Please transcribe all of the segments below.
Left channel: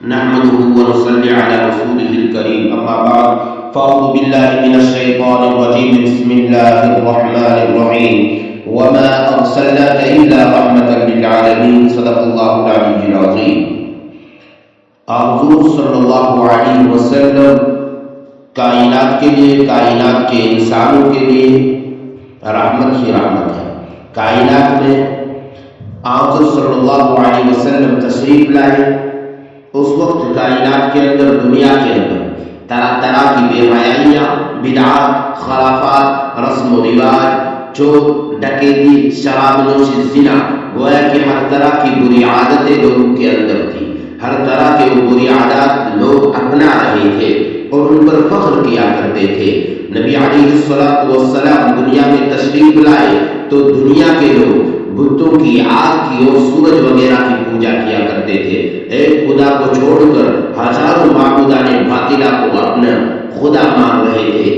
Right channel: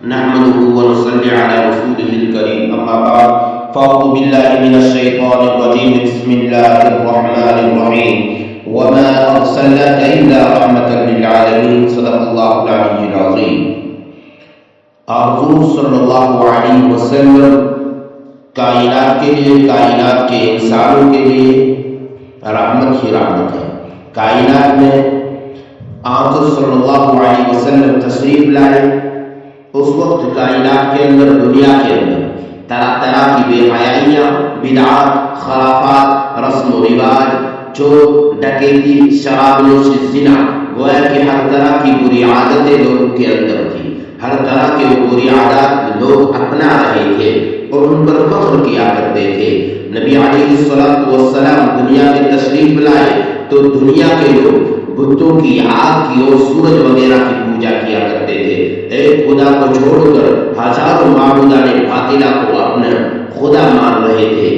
نحمده ونصلي على رسوله الكريم اما بعد فاعوذ بالله من الشيطان الرجيم بسم الله الرحمن الرحيم وما ارسلناك الا رحمة للعالمين صدق الله العلي العظيم۔ حضور صلی اللہ علیہ وسلم کائنات کے لیے، کائنات کے انسانوں کے لیے رحمت ہی رحمت ہے۔ کائنات میں حضور صلی اللہ علیہ وسلم تشریف لائے، اس وقت کائنات کے اندر، دنیا کے اندر طرح طرح کی بے حیائیاں، بدعات، خرافات، رسم و رواج، چور ڈکیتی، شراب نوشی، زنا، گویا کہ ہر طرح کی بری عادتیں لوگوں کے اندر تھی۔ ہر طرح کے بری عادات لوگ اپنا رہے تھے اور ان پر فخر کیا کرتے تھے۔ نبی علیہ الصلوۃ والسلام دنیا میں تشریف لائے تو دنیا کے لوگ بتوں کی، آگ کی اور سورج وغیرہ کی پوجا کیا کرتے تھے۔ ایک خدا کو چھوڑ کر ہزاروں معبودان باطلہ کو اپنا خدا مان رہے تھے۔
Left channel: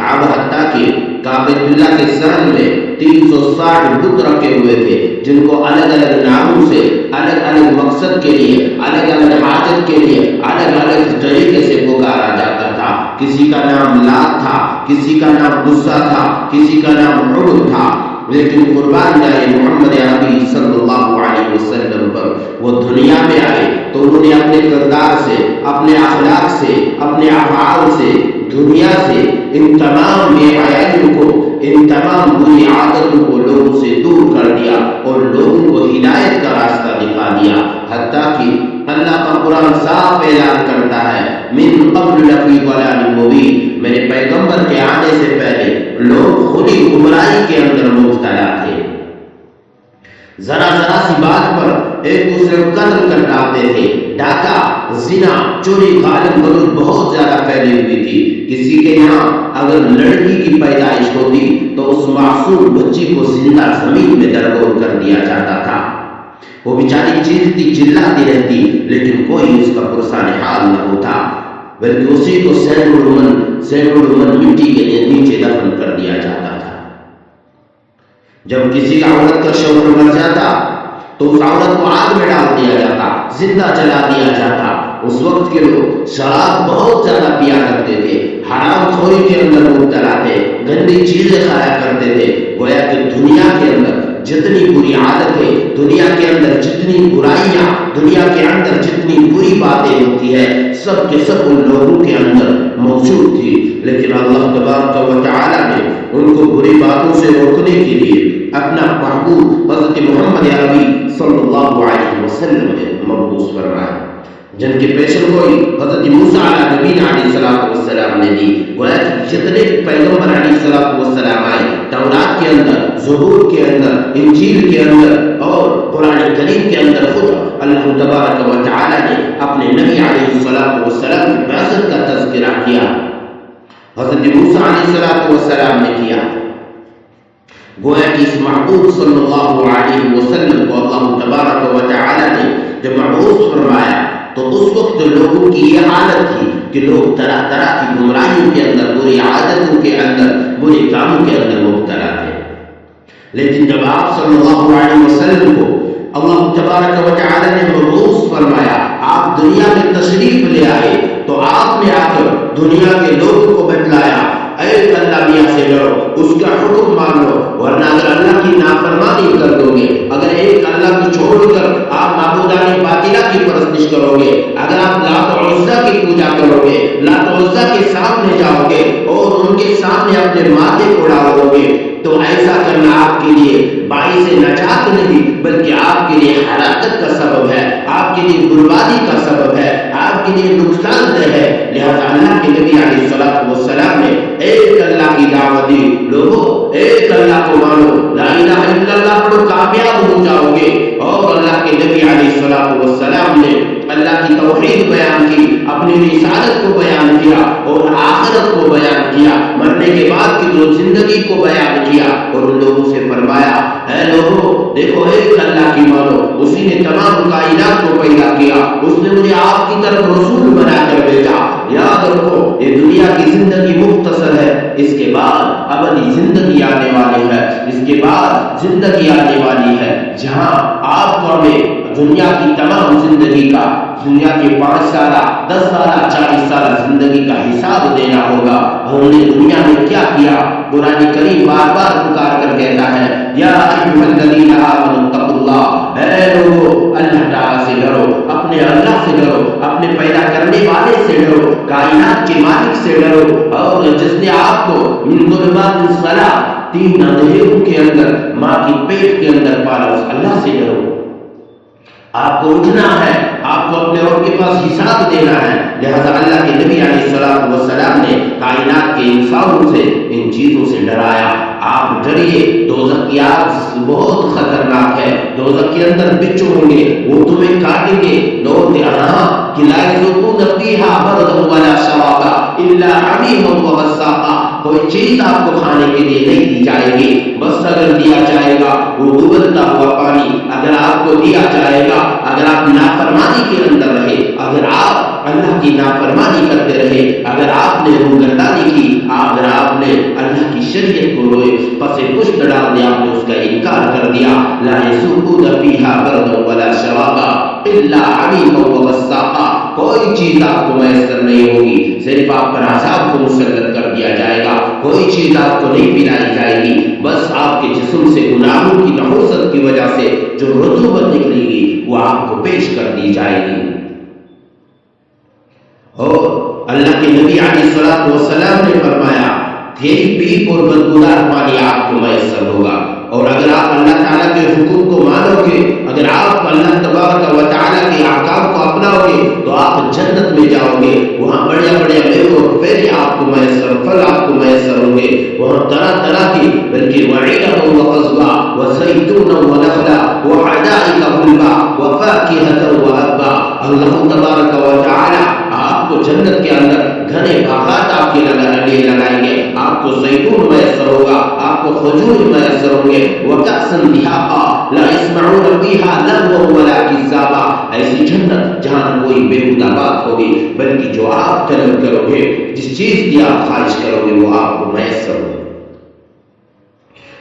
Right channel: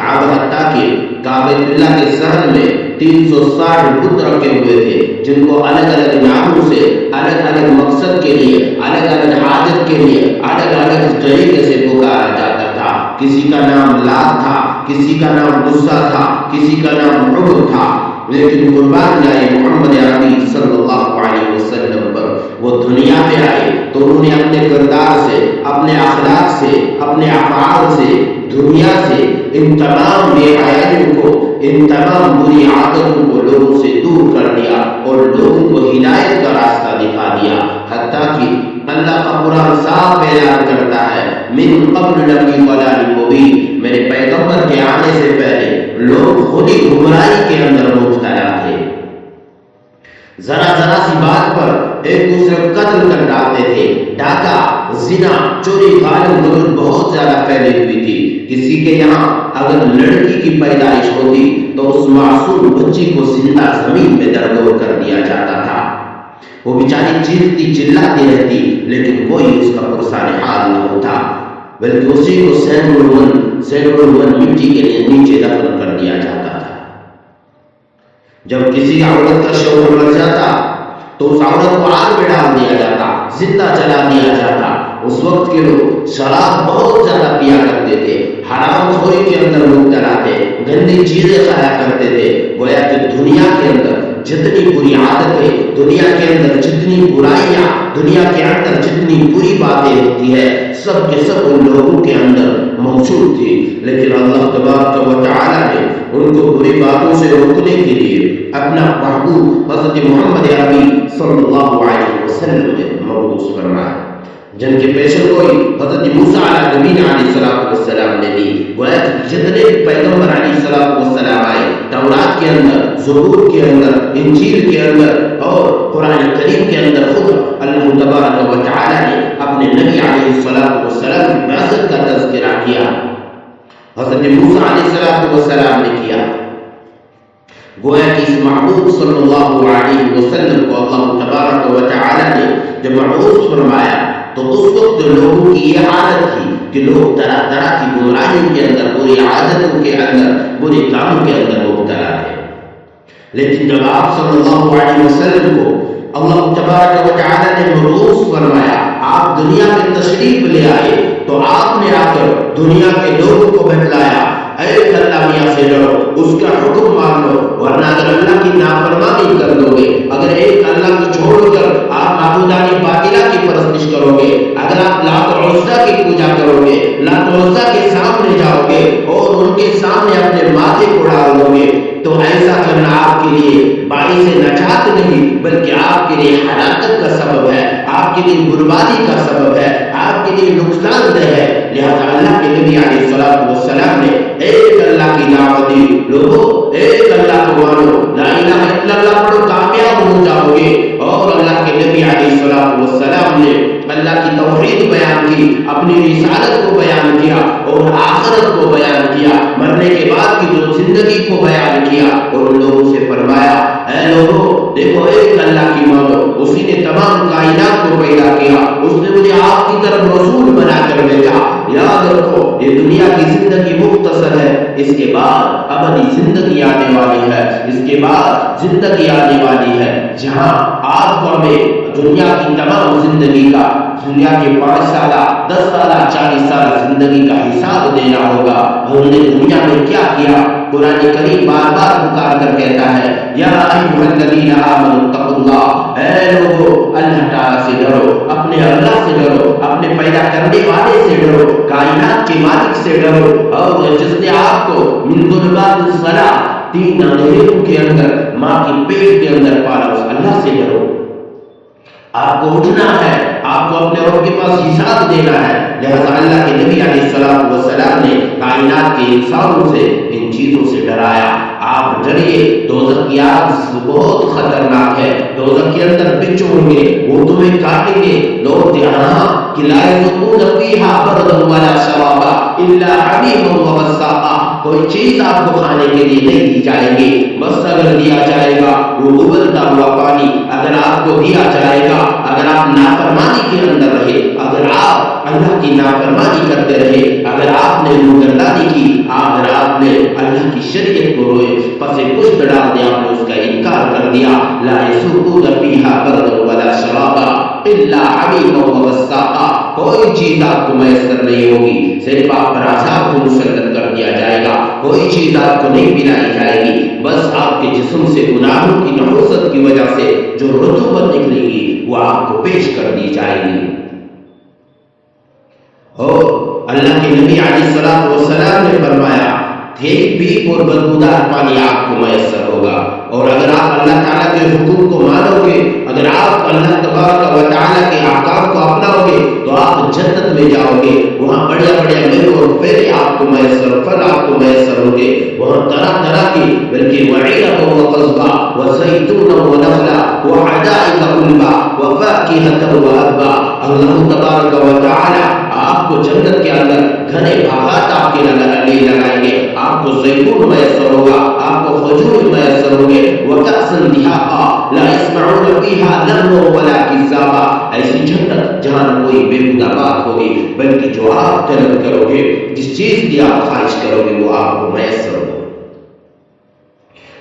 حتیٰ کہ کعبۃ اللہ کے صحن میں 360 بت رکھے ہوئے تھے، جن کو الگ الگ ناموں سے، الگ الگ مقصد کے لیے، الگ الگ حاجت کے لیے، الگ الگ طریقے سے پکارا جاتا تھا۔ کسی کا نام لات تھا، کسی کا نام غصہ تھا، کسی کا نام عبد تھا، لیکن قربان جائے محمد عربی صلی اللہ علیہ وسلم پر، وہ دنیا میں آئے تو انہوں نے اپنے کردار سے، اپنے اخلاق سے، اپنے افعال سے، دنیا سے ان تمام بے حیائیوں کو، ان تمام بری عادتوں کو لوگوں سے دور کر دیا اور لوگوں کو ہدایت کا راستہ دکھا دیا۔ حتیٰ کہ اللہ کا قرآن صاف اعلان کرتا ہے، من قبل لفی ضلال مبین، میرے پیغمبر کے آنے سے پہلے لوگ خودی گمراہی کے اندر مبتلا تھے۔ ذرا ذرا سی بات پر ایک دوسرے کو قتل کر ڈالتے تھے۔ ڈاکہ، زنا، چوری، غالب غلوج بہت زیادہ پھیلی ہوئی تھی۔ کسی کے یہاں اگر لڑکی کی پیدائش ہوتی تو اس معصوم بچی کو زندہ زمین میں درگور کر دیا جاتا تھا۔ وہ بیچاری چیختی چلاتی رہتی، لیکن کوئی اس کا پرسان حال نہ ہوتا، بلکہ اسی کو سینکڑوں من مٹی کے لیے نیچے دفن کر دیا جاتا تھا۔ جب کسی عورت کا شوہر مر جاتا تو اس عورت کو آگ میں ڈال دیا جاتا، زندہ جلا دیا جاتا۔ اس وقت کے لوگ شراب بہت زیادہ پیا کرتے تھے، حرام خوری کے اندر مبتلا تھے، گندی چیزیں کھایا کرتے تھے۔ گویا کہ دنیا کے اندر جتنی بری عادتیں، دنیا کے اندر جتنی برائیاں، دنیا کے اندر جتنی بری باتیں ہوتی ہے، سب کے سب ان لوگوں کے اندر موجود تھی۔ لیکن اللہ تبارک و تعالی نے ان کو بری باتوں سے روکنے کے لیے اپنا محبوب حضرت محمد عربی صلی اللہ علیہ وسلم نے مبعوث فرمایا، جن کے پیشن گوئی حضرت موسیٰ علیہ نبینا علیہ السلام نے دی۔ گویا کہ جتنے بھی پیغمبر علیہ السلام آئے، تورات کے اندر، زبور کے اندر، انجیل کے اندر اور قرآن کریم کے اندر، خود اللہ تبارک و تعالی نے اپنے نبی علیہ السلام کی بعثت کا تذکرہ کیا۔ حضرت موسیٰ علیہ السلام نے کیا۔ گویا کہ اس محبوب صلی اللہ علیہ وسلم کو اللہ تبارک و تعالی نے جب مبعوث فرمایا تو اس وقت لوگوں کی یہ حالت تھی کہ لوگ طرح طرح کی گمراہیوں کے اندر، بری عادتوں کے اندر، برے کاموں کے اندر مبتلا تھے۔ لیکن جب آپ صلی اللہ علیہ وسلم کو اللہ تبارک و تعالی نے مبعوث فرمایا، آپ دنیا میں تشریف لے آئے تو آپ نے آ کر دنیا کے لوگوں کو بتلایا، ایک اللہ میاں سے ڈرو، اس کا حکم مان لو، ورنہ اگر اللہ کی نافرمانی کر دو گے، اگر ایک اللہ کو چھوڑ کر آپ معبودان باطلہ کی پرستش کرو گے، اگر آپ لات و عزیٰ کی پوجا کرو گے، لات و عزیٰ کے سامنے جاؤ گے اور ان کے سامنے اپنے ماتھے کو ڈال دو گے، تو ایسا کرنا آپ کے لیے باعث نجات نہیں بلکہ آپ کے لیے ہلاکت کا سبب ہے، آپ کے لیے بربادی کا سبب ہے، آپ کے لیے نقصان دہ ہے۔ لہذا اللہ کے نبی علیہ السلام نے ایک اللہ کی دعوت دی، لوگوں ایک اللہ کو مانو، لا الہ الا اللہ پڑھو، کامیاب ہو جاؤ گے۔ اور اللہ کے نبی علیہ السلام نے اللہ کی توحید بیان کی، اپنی رسالت کو بیان کیا اور آخرت کو بیان کیا، مرنے کے بعد کی جو زندگی کو بیان کیا، اور ان لوگوں سے فرمایا، اے لوگوں دیکھو ایک اللہ کی مانو، اسی نے تمام کائنات کو پیدا کیا، اس نے مجھے آپ کی طرف رسول بنا کر بھیجا۔ یاد رکھو یہ دنیا کی زندگی مختصر ہے، اس کے بعد ابدی زندگی آنے والی ہے، اس کے بعد زندگی آنے والی ہے جہاں آپ کو ہمیں دنیا کی تمام زندگی کا دنیا کے 5 سالہ 10 سالہ 40 سالہ زندگی کا حساب دینا ہوگا. ہم نے دنیا میں کیا کیا؟ قرآن کریم بار بار پکار کر کہتا ہے یا ایھا الذین آمنوا اتقوا اللہ، اے لوگو اللہ تعالیٰ سے ڈرو، اپنے اللہ سے ڈرو، اپنے پیدا کرنے والے سے ڈرو، کائنات کے مالک سے ڈرو، اور جس نے آپ کو من ظلمات الصلاۃ 3 اندھیروں کے اندر ماں کی پیٹ کے اندر پالا، اس اللہ سے ڈرو. آپ کو اٹھنا ہے، آپ کو اپنے رب کے پاس حساب دینا ہے. لہذا اللہ کے نبی علیہ الصلوۃ والسلام نے کائنات کے انسانوں سے ان چیزوں سے ڈرایا. آپ ڈریے، دوزخ کی آگ بہت خطرناک ہے، دوزخ کے اندر بچھو ہوں گے، وہ تمہیں کاٹیں گے. لوگ کہ لا یذوقون فیہا بردا ولا شرابا الا حمیما وغساقا، کوئی چیز آپ کو کھانے کے لیے نہیں دی جائے گی، بس اگر دیا جائے گا وہ ابلتا ہوا پانی اگر آپ کو دیا جائے گا، اگر آپ نافرمانی کے اندر رہے، اگر آپ اللہ کی نافرمانی کرتے رہے، اگر آپ نے روگردانی کی، اگر آپ نے اللہ کی شریعت کو روئے پس پشت ڈال دیا، آپ نے اس کا انکار کر دیا. لا یذوقون فیہا بردا ولا شرابا الا حمیما وغساقا، کوئی چیز آپ کو میسر نہیں ہوگی، صرف آپ پر عذاب کو مسلط کر دیا جائے گا. کوئی چیز آپ کو نہیں پلائی جائے گی، بس آپ کے جسم سے گناہوں کی نحوست کی وجہ سے جو رطوبت نکلے گی وہ آپ کو پیش کر دی جائے گی. اور اللہ کے نبی علیہ الصلوۃ والسلام نے فرمایا کہ پیپ اور بدبودار پانی آپ کو میسر ہوگا. اور اگر آپ اللہ تعالیٰ کے حکم کو مانو گے، اگر آپ اللہ تبارک و تعالیٰ کے احکام کو اپناؤ گے تو آپ جنت میں جاؤ گے. وہاں بڑیا بڑیا میوے اور پھیرے آپ کو میسر، پھل آپ کو میسر ہوں گے. وہاں طرح طرح کی، بلکہ وعنبا وقضبا وزیتونا ونخلا وحدائق غلبا وفاکہۃ وابا، اللہ تبارک و تعالیٰ آپ کو جنت کے اندر گھنے باغات آپ کے لیے لگائیں گے. آپ کو زیتون میسر ہوگا، آپ کو کھجور میسر ہوں گے. وکأسا دہاقا لا يسمعون فیہا لغوا ولا کذابا، ایسی جنت جہاں نہ کوئی بیہودہ بات ہوگی، بلکہ جو آپ طلب کرو گے، جس چیز کی آپ خواہش کرو گے وہ آپ کو میسر ہوگی.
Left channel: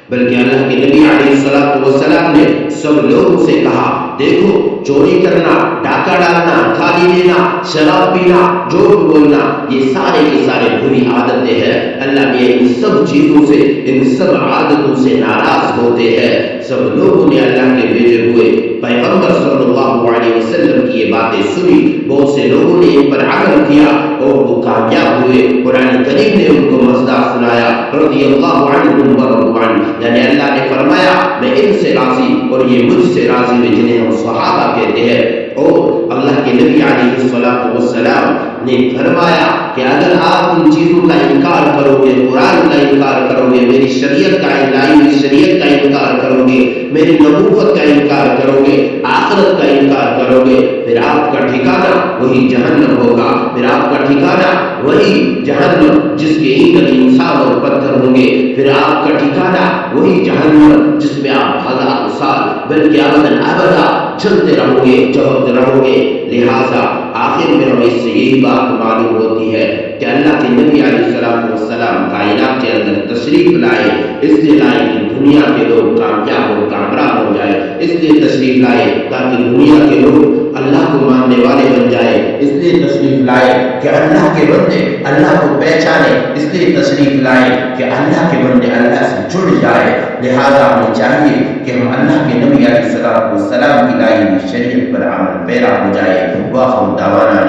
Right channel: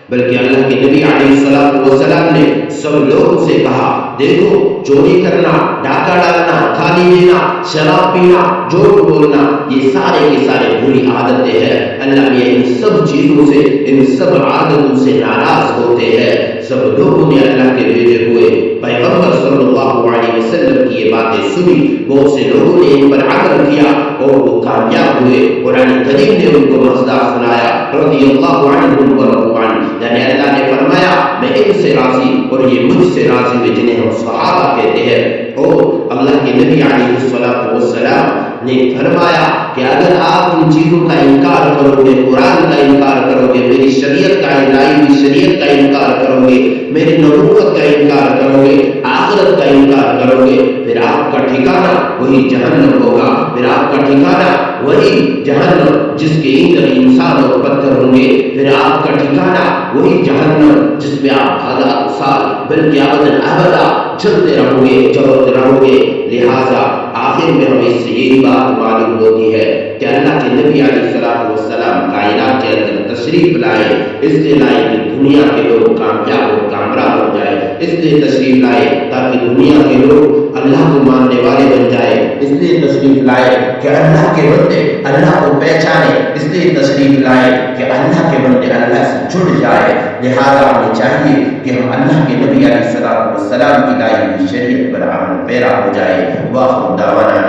بلکہ اللہ کے نبی علیہ الصلوۃ والسلام نے سب لوگوں سے کہا دیکھو، چوری کرنا، ڈاکہ ڈالنا، گالی دینا، شراب پینا، جھوٹ بولنا، یہ سارے کے سارے بری عادتیں ہیں. اللہ نے ان سب چیزوں سے، ان سب عادتوں سے ناراض ہوتے ہیں. سب لوگوں نے اللہ کے بھیجے ہوئے پیغمبر صلی اللہ علیہ وسلم کی یہ باتیں سنی، بہت سے لوگوں نے ان پر عمل کیا اور وہ کامیاب ہوئے. قرآن کریم نے ان کو مزداق سنایا، رضی اللہ عنہم ورضوا عنہ، یعنی اللہ نے فرمایا میں ان سے راضی اور یہ مجھ سے راضی ہوئے، جنہیں ہم صحابہ کہتے ہیں. اور اللہ کے نبی علیہ الصلوۃ والسلام نے فرمایا کہ اگر آپ ان چیزوں کا انکار کرو گے، قرآن کا انکار کرو گے، میری شریعت کا، لائی ہوئی شریعت کا انکار کرو گے، میری نبوت کا انکار کرو گے، آخرت کا انکار کرو گے، پھر آپ کا ٹھکانہ وہی جہنم ہوگا. پھر آپ کا ٹھکانہ وہی جہنم جس کے ایندھن انسان اور پتھر ہوں گے. پھر آپ کا ٹھکانہ وہی جہنم جس میں آپ 1000 سال بلکہ ابداً ابدا جلتے رہو گے، جلتے رہو گے. لہذا آخر میں ہمیں اس سے یہی بات معلوم ہوتی ہے کہ اللہ کے نبی علیہ الصلوۃ والسلام کائنات کے اندر تشریف لائے، اس لیے لائے کہ دنیا کے لوگ کامیاب اور کامران ہو جائے، اس لیے تشریف لائے تاکہ دنیا کے لوگ اللہ کو ماننے والے بن جائے، اس لیے تشریف لائے کہ اللہ کے بندے اللہ کو پہچانے، اس لیے تشریف لائے کہ اللہ کے بندے اللہ سے جڑ جائے. لہذا ہمیں چاہیے کہ ہم اللہ کے نبی علیہ الصلوۃ والسلام کی لائی ہوئی شریعت پر عمل پیرا ہو جائے. واخر دعوانا